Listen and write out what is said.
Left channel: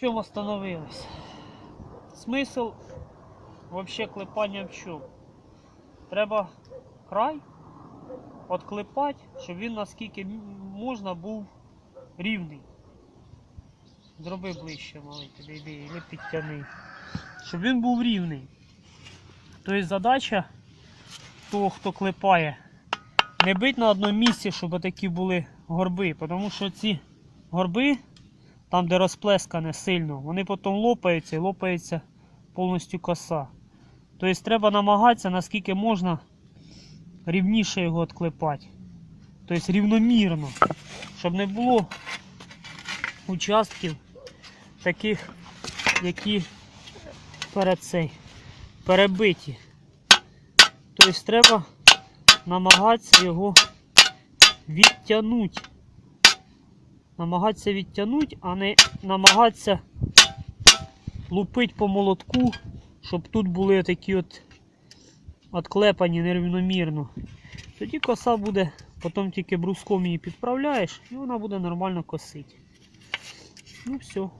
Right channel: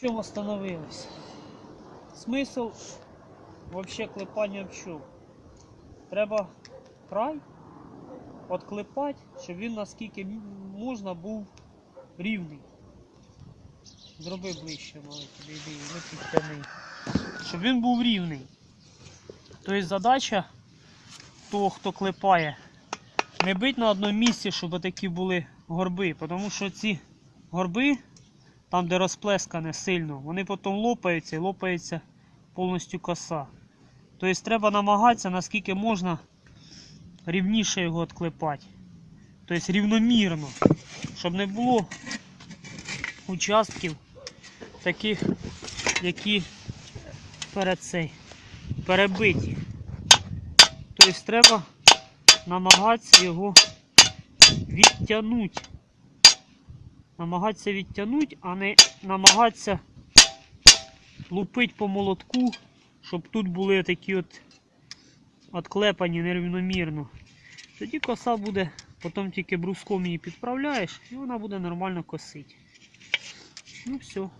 Чому остановились? Смисл вообще клепання в чому? Треба край отклепати, щоб він наскільки можна був рівний. Зроби ближче, маленький, йди, не підтягни. Щоб він був рівний. Тобто задача того, хто клепає, не бить на одному місці, щоб такі були горби. Тому що ці горби, там де розплескане сильно, вони потім лопаються і лопається повністю коса. Тобто треба намагатися, наскільки можна рівніше його відклепати. Тобто рівномірно, щоб не було участків таких, які перед цей перебиті. Тобто треба намагатися його відтягнути. Намагатися відтягнути, а не намагатися лупити по молотку, щоб тут були такі от отклепані нерівномірно. Тоді коса буде, потім тільки бруском її підправляєш, і вона буде нормально косити. Ну все.